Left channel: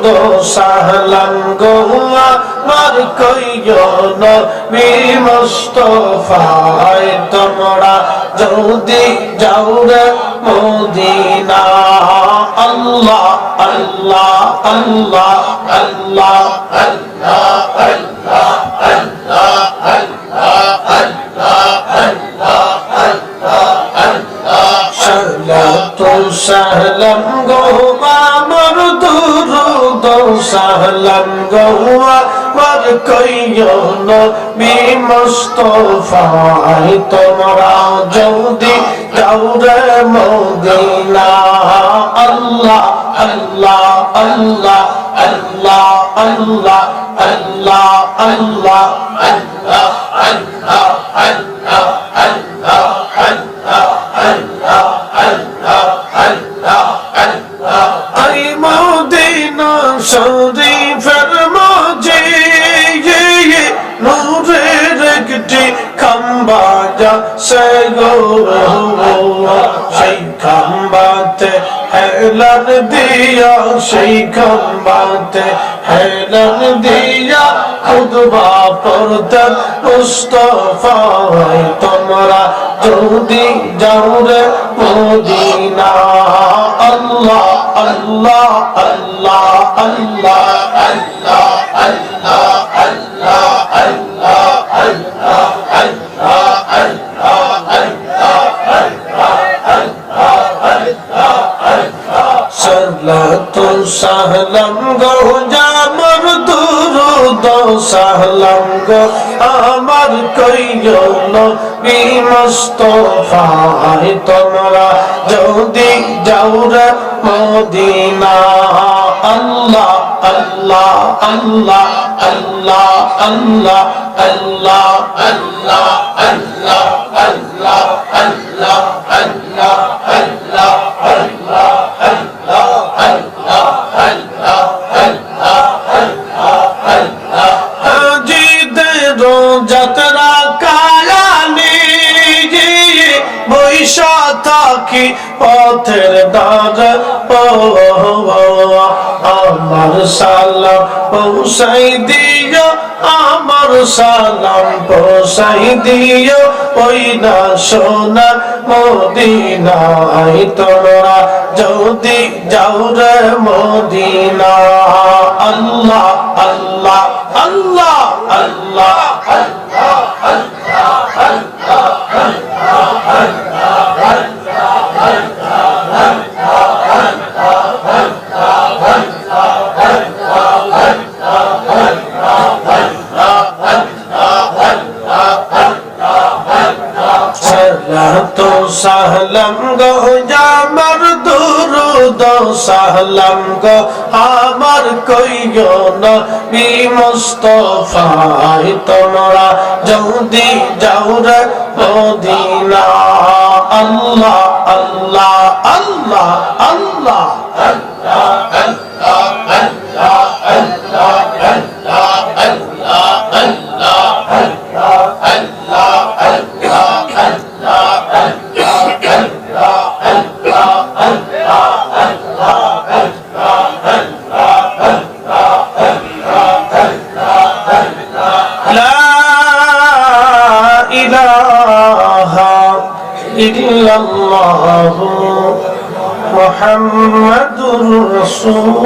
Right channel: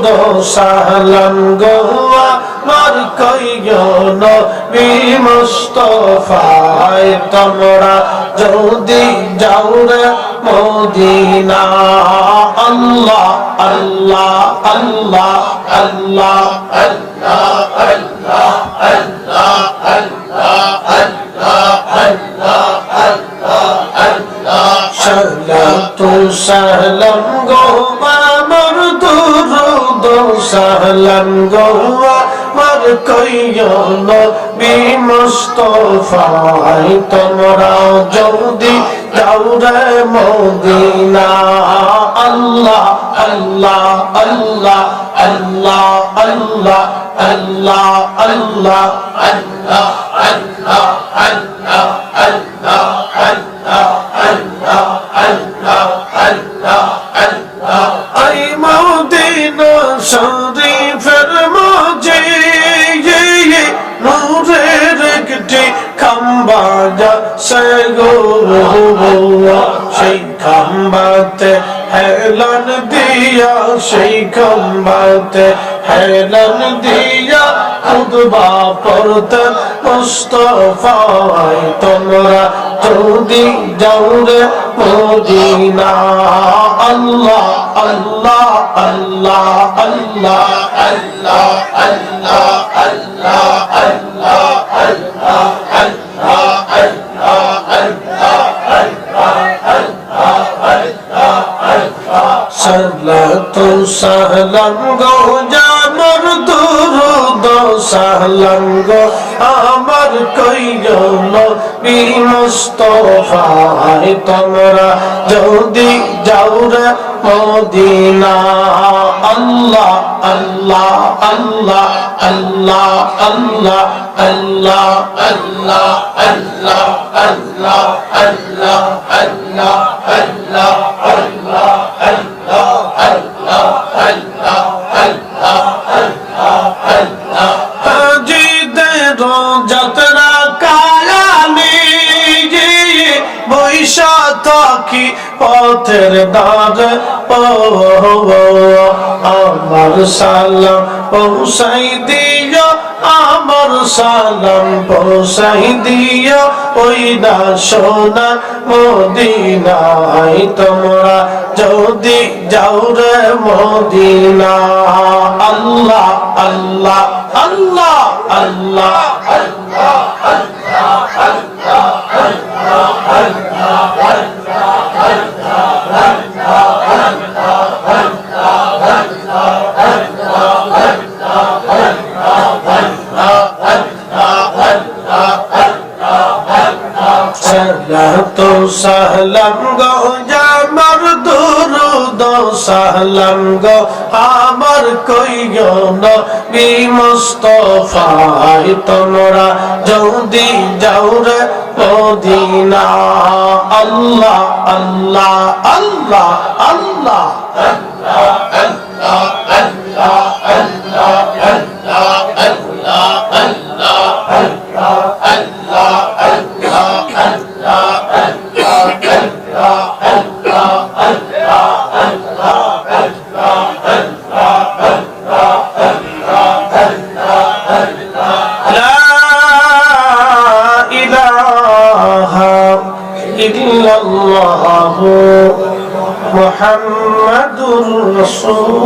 দুরুদ ও সালাম গো আমার কইও নবী মুস্তাফায় তোমরা যদি যাও রে মদিনা আল্লাহ আল্লাহ আল্লাহ আল্লাহ আল্লাহ আল্লাহ আল্লাহ আল্লাহ আল্লাহ আল্লাহ আল্লাহ সালাতু সালাম গো আমার দুরুদ ও সালাম গো আমার কইও নবী মুস্তাফায় তোমরা যদি যাও রে মদিনা আল্লাহ আল্লাহ আল্লাহ আল্লাহ আল্লাহ আল্লাহ আল্লাহ আল্লাহ আল্লাহ আল্লাহ আল্লাহ আল্লাহ আল্লাহ আল্লাহ আল্লাহ আল্লাহ আই মদিনা শরীফের মাঝে নূরের একটি খাম্বা যাচ্ছে গো সেই খাম্বাতে হেলান দিয়া সেই খাম্বাতে হেলান দিয়া খুতবা পড়তেন মুস্তাফায় তোমরা যদি যাও রে মদিনা আল্লাহ আল্লাহ আল্লাহ আল্লাহ আল্লাহ আল্লাহ আল্লাহ আল্লাহ আল্লাহ আল্লাহ আল্লাহ সালাতু সালাম গো আমার দুরুদ ও সালাম গো আমার কইও নবী মুস্তাফায় তোমরা যদি যাও রে মদিনা আল্লাহ আল্লাহ আল্লাহ আল্লাহ আল্লাহ আল্লাহ আল্লাহ আল্লাহ আল্লাহ আল্লাহ আল্লাহ আল্লাহ আল্লাহ আল্লাহ আল্লাহ আল্লাহ আল্লাহ আল্লাহ হাজিদের যাত্রা কায়ানি বৈশা থাকি পথের দ্বারে আমার সালাম পৌঁছাই দিও আমার সালাম পৌঁছাই দিও ওই না সোনার মদিনায় তোমরা যদি যাও রে মদিনা আল্লাহ আল্লাহ আল্লাহ আল্লাহ আল্লাহ আল্লাহ আল্লাহ সালাতু সালাম গো আমার দুরুদ ও সালাম গো আমার কইও নবী মুস্তাফায় তোমরা যদি যাও রে মদিনা আল্লাহ আল্লাহ আল্লাহ আল্লাহ আল্লাহ আল্লাহ আল্লাহ আল্লাহ আল্লাহ আল্লাহ আল্লাহ আল্লাহ আল্লাহ ইল্লাল্লাহু মুহাম্মাদুর রাসূল